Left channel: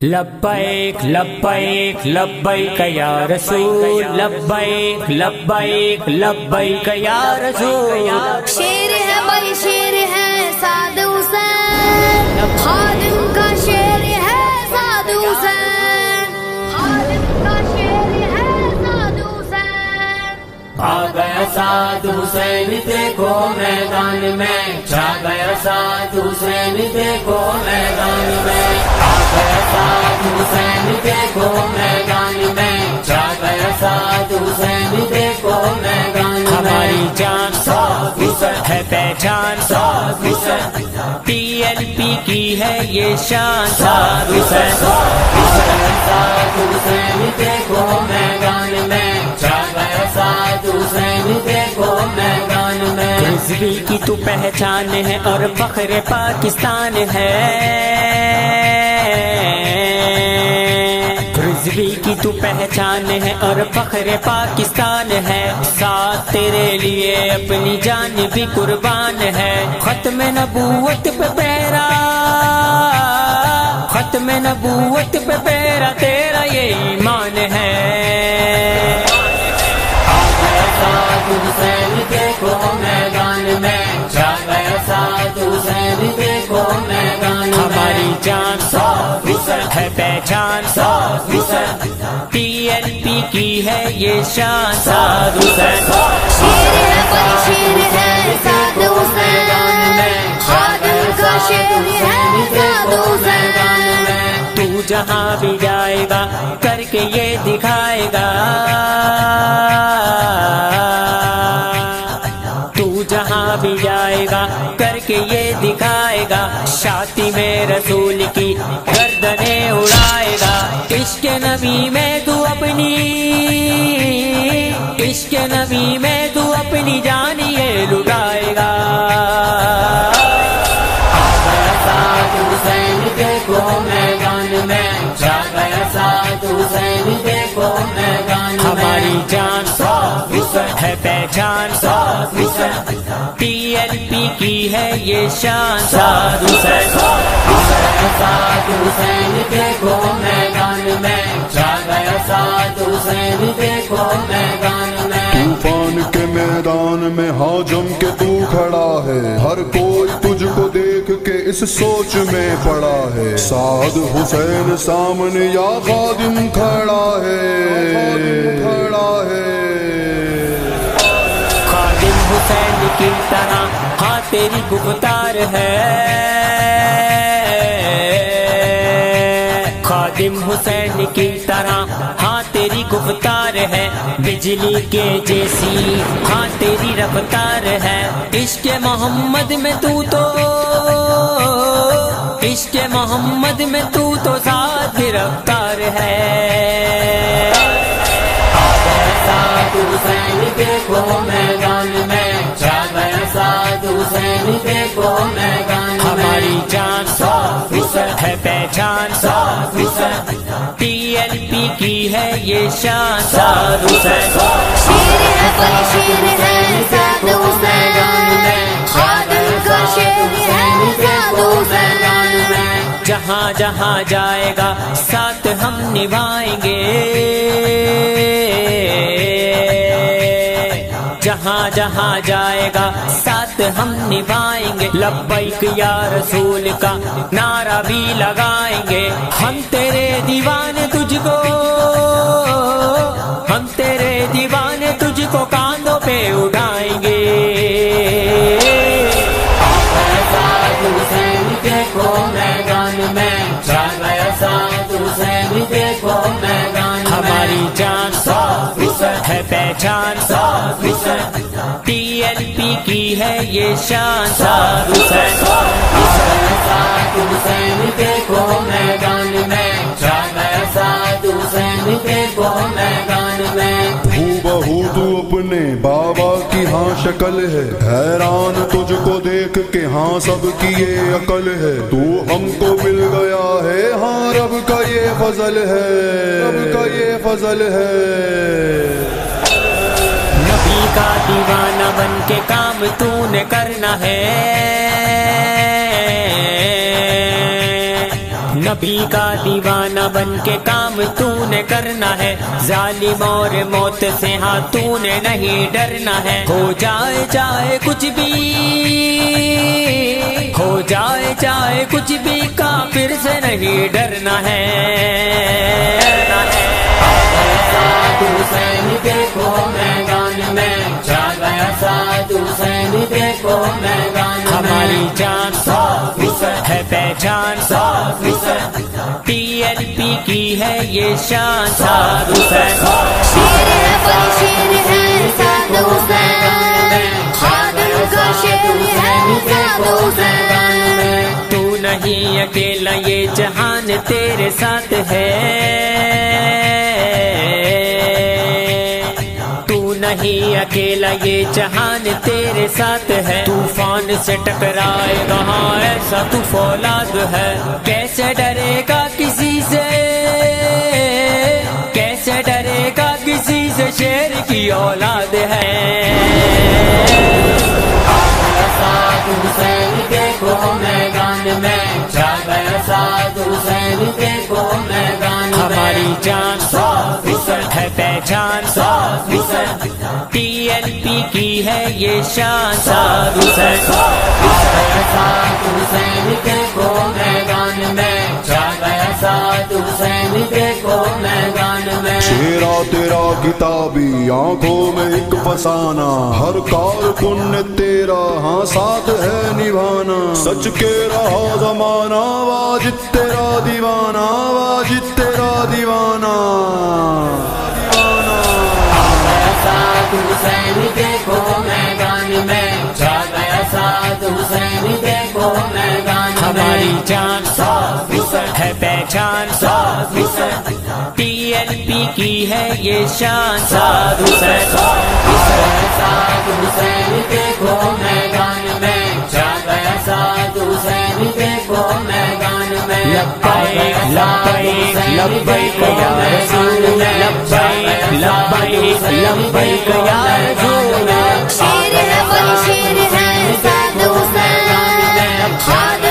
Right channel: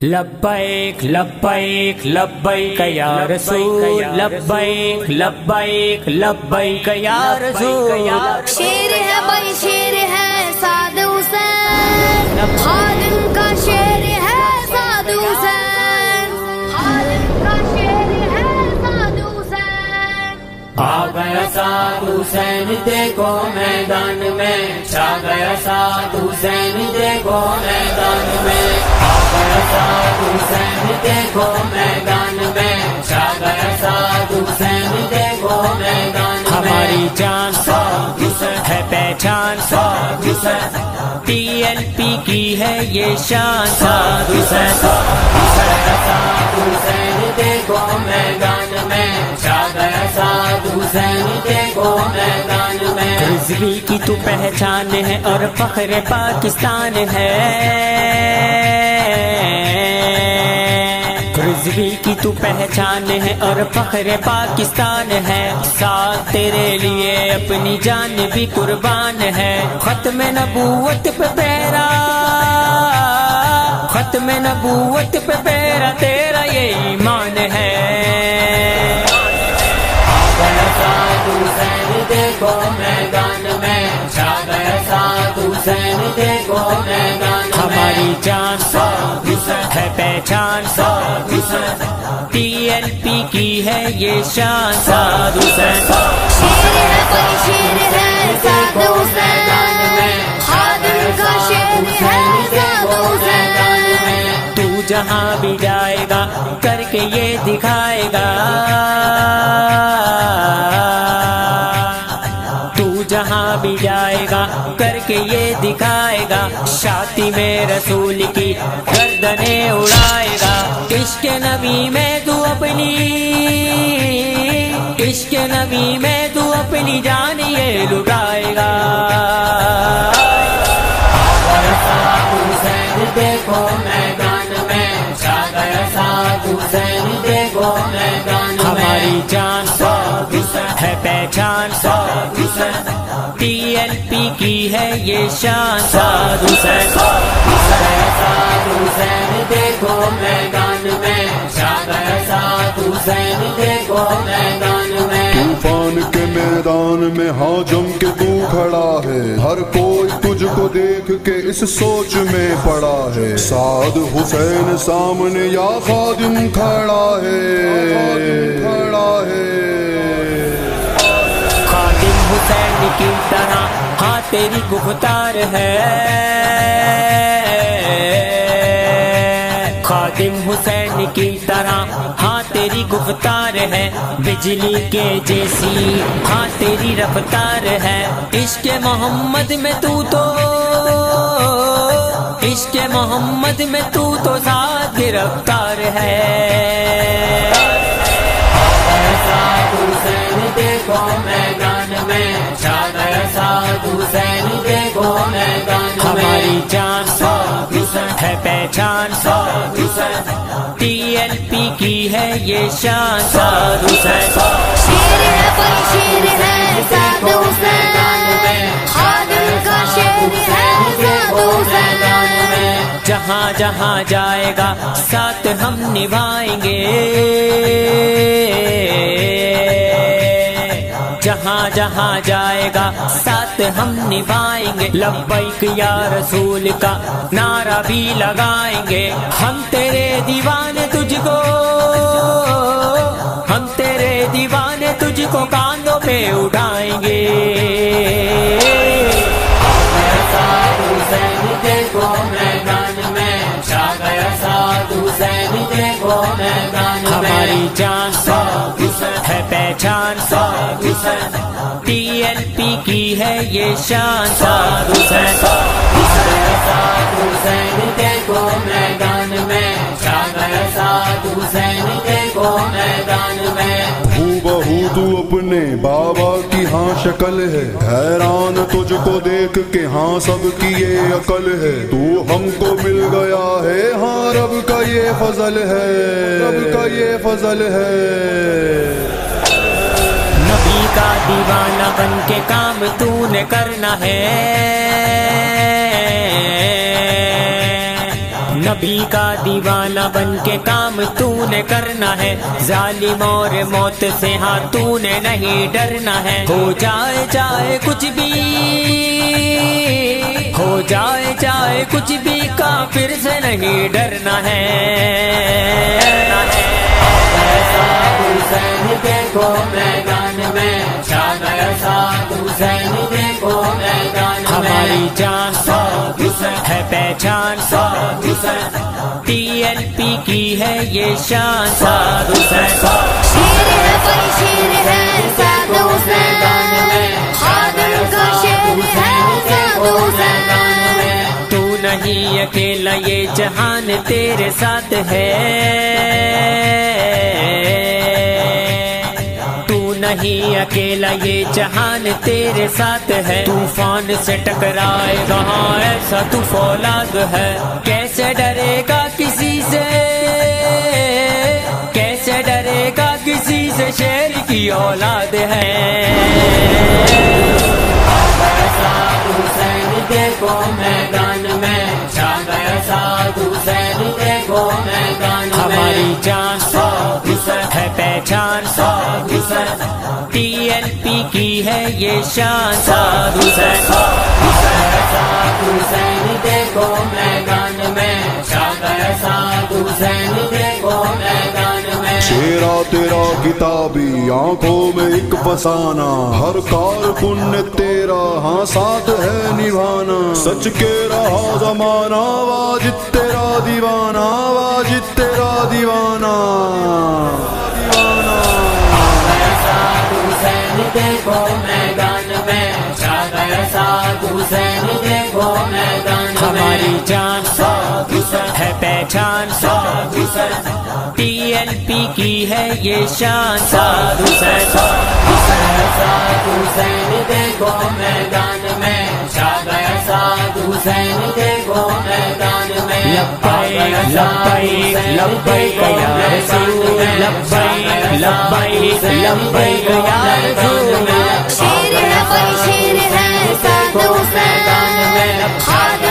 لبیک لبیک لبیک یا رسول لبیک لبیک لبیک یا رسول شیر ہے بھائی شیر ہے سعد حسین خادم کا شیر ہے سعد حسین خادم کا شیر ہے سعد حسین آ گیا سعد حسین دیکھو میدان میں چھا گیا سعد حسین دیکھو میدان میں سعد حسین دیکھو میدان میں چھا گیا سعد حسین دیکھو میدان میں ہماری جان ہے پہچان پی ایل پی کی ہے یہ شان سعد حسین سعد حسین دیکھو میدان میں چھا گیا سعد حسین دیکھو میدان میں رضوی کی تو پہچان ہے اور فخر پاکستان ہے رضوی کی تو پہچان ہے اور فخر پاکستان ہے ساتھ تیرے لیے اپنی جان بھی قربان ہے ختم نبوت پہ پہرا ختم نبوت پہ پہرا تیرا یہ ایمان ہے سعد حسین دیکھو میدان میں چھا گیا سعد حسین دیکھو میدان ہماری جان ہے پہچان پی ایل پی کی ہے یہ شان سعد حسین شیر ہے بھائی شیر ہے سعد حسین خادم کا شیر ہے سعد حسین تو جہاں بھی جائے گا کر کے یہ دکھائے گا تو جہاں بھی جائے گا کر کے یہ دکھائے گا شاطی میں رسول کی گردنیں اڑائے گا عشق نبی میں تو اپنی عشق نبی میں تو اپنی جان یہ لٹائے گا سعد حسین دیکھو میدان میں چھا گیا سعد حسین دیکھو میدان ہماری جان ہے پہچان پی ایل پی کی ہے یہ شان سعد حسین سعد حسین دیکھو میدان میں چھا گیا سعد حسین دیکھو میدان میں طوفان کے میدان میں حاجم کے تو کھڑا ہے ہر کوئی تجھ کو دیکھ کے اس سوچ میں پڑا ہے سعد حسین سامنے یا خادم کھڑا ہے کھڑا ہے خادم حسین کی طرح ہاں تیری گفتار ہے خادم حسین کی طرح ہاں تیری گفتار ہے بجلی کے جیسی ہاں تیری رفتار ہے عشق محمد میں تو عشق محمد میں تو ساتھ گرفتار ہے سعد حسین دیکھو میدان میں چھا گیا سعد حسین دیکھو میدان ہماری جان ہے پہچان پی ایل پی کی ہے یہ شان سعد حسین شیر ہے بھائی شیر ہے سعد حسین خادم کا شیر ہے سعد حسین جہاں جہاں جائے گا ساتھ ہم نبھائیں گے جہاں جہاں جائے گا ساتھ ہم نبھائیں گے لبیک یا رسول کا نعرہ بھی لگائیں گے ہم تیرے دیوانے تجھ کو ہم تیرے دیوانے تجھ کو کاندھوں پہ اٹھائیں گے سعد حسین دیکھو میدان میں چھا گیا سعد حسین دیکھو میدان ہماری جان ہے پہچان پی ایل پی کی ہے یہ شان سعد حسین سعد حسین دیکھو میدان میں چھا گیا سعد حسین دیکھو میدان میں ہو بہو تو اپنے بابا کی ہاں شکل ہے حیران تجھ کو دیکھ کے ہاں سب کی یہ عقل ہے تو ہم کو مل گیا ہے ہاں رب کا یہ فضل ہے رب کا یہ فضل ہے نبی کا دیوانہ بن کے کام تو نے کرنا ہے نبی کا دیوانہ بن کے کام تو نے کرنا ہے، ظالم اور موت سے ہاں تو نے نہیں ڈرنا ہے، ہو جائے چاہے کچھ بھی، ہو جائے چاہے کچھ بھی، کافر سے نہیں ڈرنا ہے۔ ہماری جان ہے پہچان، TLP کی ہے یہ شان، سعد حسین شیر ہے بھائی شیر ہے سعد حسین، خادم کا شیر ہے سعد حسین۔ تو نہیں اکیلا یہ جہان تیرے ساتھ ہے، نہیں اکیلا یہ جہان تیرے ساتھ ہے، طوفان سے ٹکرائے گا ہاں ایسا تو فولاد ہے، کیسے ڈرے گا کسی سے، کیسے ڈرے گا کسی سے، شیر کی اولاد ہے۔ ہماری جان ہے پہچان، TLP کی ہے یہ شان، سعد حسین شیرا تیرا کتابی آنکھوں میں ایک فسانہ، ہر کارکن نے تیرا ہاں ساتھ ہے نبھانا، سچ کے رہا زمانہ واجد تیرا دیوانہ، واجد تیرا دیوانہ، دیوانہ۔ ہماری جان ہے پہچان، TLP کی ہے یہ شان، سعد حسین لبیک لبیک لبیک یا رسول، لبیک لبیک لبیک یا رسول۔ شیر ہے بھائی شیر ہے سعد حسین، خادم